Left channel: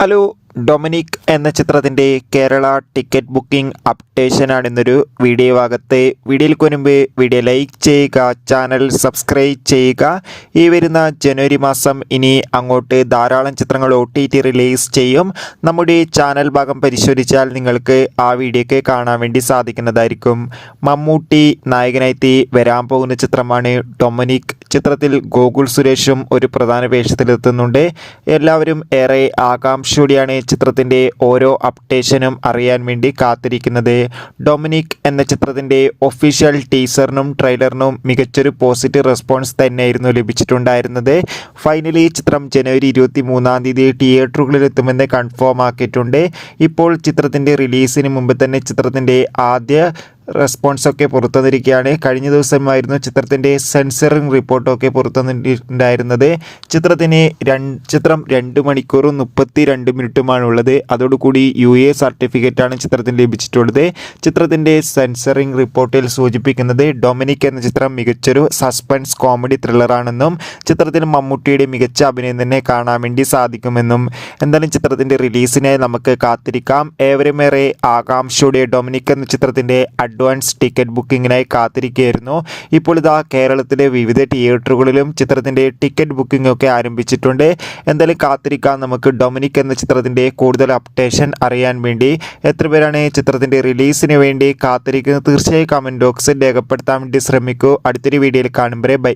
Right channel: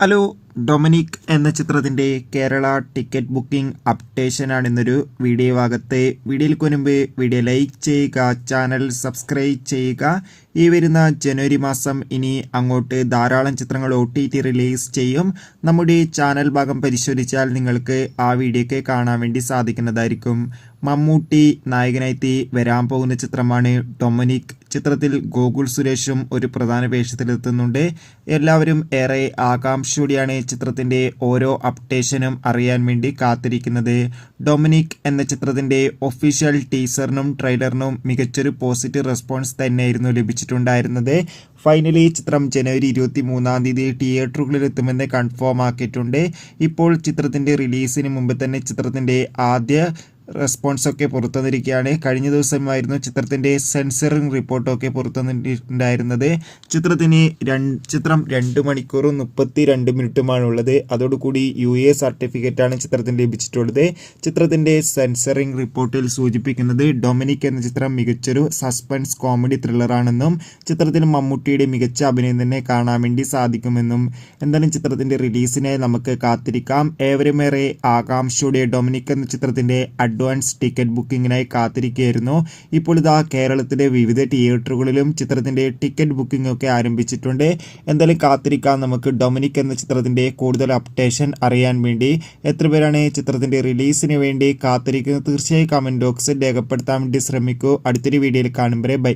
Hello Dominic എന്ന ചിത്രത്തിന്റെ Kerala ticket booking അപ്ഡേഷനാണ് ഇന്നൊരു വീഡിയോ ഭാഗത്തെ. വീഡിയോയിൽ മുൻപ് വീഡിയോ ലൈക്ക് ചെയ്യുക ചാനൽ സബ്സ്ക്രൈബ് ചെയ്യുക. ഈ വരുന്ന ജനുവരി മാസം ഇനി അങ്ങോട്ട് ധാരാളം ചിത്രങ്ങൾ ഒ ടി ടി റിലീസ് ചെയ്യും. നമ്മുടെ ചാനൽ ഭാഗം പരിശോധിച്ചാൽ നിങ്ങൾക്ക് ആ വീഡിയോയ്ക്ക് കാണാൻ വേണ്ടി സാധിക്കുന്നതായിരിക്കും. മമ്മൂട്ടി നായകനായി വരാൻ പോകുന്ന ചിത്രമാണ് ഡൊമിനിക്. ചിത്രത്തിൽ ഗോകുൽ സുരേഷും ഒരു പ്രധാന വേഷത്തിലെത്തുന്നുണ്ട്. എല്ലാവരും ഏറെ ആകാംക്ഷയോടെയാണ് ചിത്രത്തിന്റെ ഓരോ അപ്ഡേഷനും അറിയാൻ വേണ്ടി കാത്തിരിക്കുന്നത് ഡൊമിനിക് എന്ന ചിത്രത്തിന്റെ ഒഫീഷ്യൽ ടീസറിനും ട്രെയിലറിനും മികച്ചൊരു പോസിറ്റീവ് റെസ്പോൺസ് തന്നെയായിരുന്നു ലഭിച്ചിട്ടുണ്ടായിരുന്നത്. ഫൈനലി ചിത്രം ജനുവരി ഇരുപത്തി മൂന്നാം തീയതി തിയേറ്ററുകളിൽ എത്തുമെന്ന് കൺഫേം ആക്കിയിട്ടുണ്ട്. ഇപ്പോൾ ചിത്രത്തിന്റെ റിലീസിന് മുമ്പ് തന്നെ ചിത്രത്തിന്റെ ആദ്യ റെസ്പോൺസൊക്കെ പുറത്തുവന്നിരിക്കുകയാണ്. കഴിഞ്ഞ ദിവസമായിരുന്നു ചിത്രത്തിന്റെ സെൻസറിങ് റിപ്പോർട്ടൊക്കെ പുറത്തുവന്നിട്ടുണ്ടായിരുന്നത്. ചിത്രത്തിന് ചിത്രം രണ്ട് മണിക്കൂറും മുപ്പത്തി രണ്ട് മിനിറ്റുമാണ് ഉള്ളത് അതോടുകൂടി യു എ സർട്ടിഫിക്കറ്റാണ് ചിത്രത്തിന് ലഭിച്ചിട്ടുള്ളത്. ചിത്രത്തിന്റെ സെൻസറിങ് റിപ്പോർട്ടിൽ സൂചിപ്പിക്കുന്നത് ഡൊമിനിക് എന്ന ചിത്രം മികച്ചൊരു സസ്പെൻസ് കോമഡി ത്രില്ലറാണെന്നും ചിത്രത്തിൽ മമ്മൂട്ടിയുടെ മികച്ച അഭിനയം തന്നെ കാണാൻ വേണ്ടി സാധിക്കുമെന്നും. എന്തായാലും ചിത്രത്തിന്റെ റിലീസിനായി നമുക്ക് കാത്തിരിക്കാം. ഏവരുമേറെ ആകാംക്ഷയുടെ ഡൊമിനിക് എന്ന ചിത്രത്തിന്റെ അഡ്വാൻസ് ടിക്കറ്റ് ബുക്കിങ്ങിനായി കാത്തിരിക്കുകയായിരുന്നു. ഇപ്പോൾ ഇതാ കേരളത്തിലെ വിവിധ തിയേറ്ററുകളിലും ചിത്രത്തിന്റെ ടിക്കറ്റ് ബുക്കിംഗ് ഒക്കെ ആരംഭിച്ചിട്ടുണ്ട്. എന്തായാലും കാത്തിരിക്കാം. നമുക്ക് ഡൊമിനിക് എന്ന ചിത്രത്തിന്റെ കൂടുതൽ അപ്ഡേഷൻ അറിയാൻ വേണ്ടി എത്ര പേരാണ് ചിത്രത്തിന്റെ റിലീസിന് വേണ്ടി കാത്തിരിക്കുന്നത്? തീർച്ചയായും കമന്റ് ബോക്സിൽ രേഖപ്പെടുത്താൻ വേണ്ടി ശ്രമിക്കൂ. അടുത്തൊരു വീഡിയോയിൽ കാണുമ്പോഴേ ബൈ.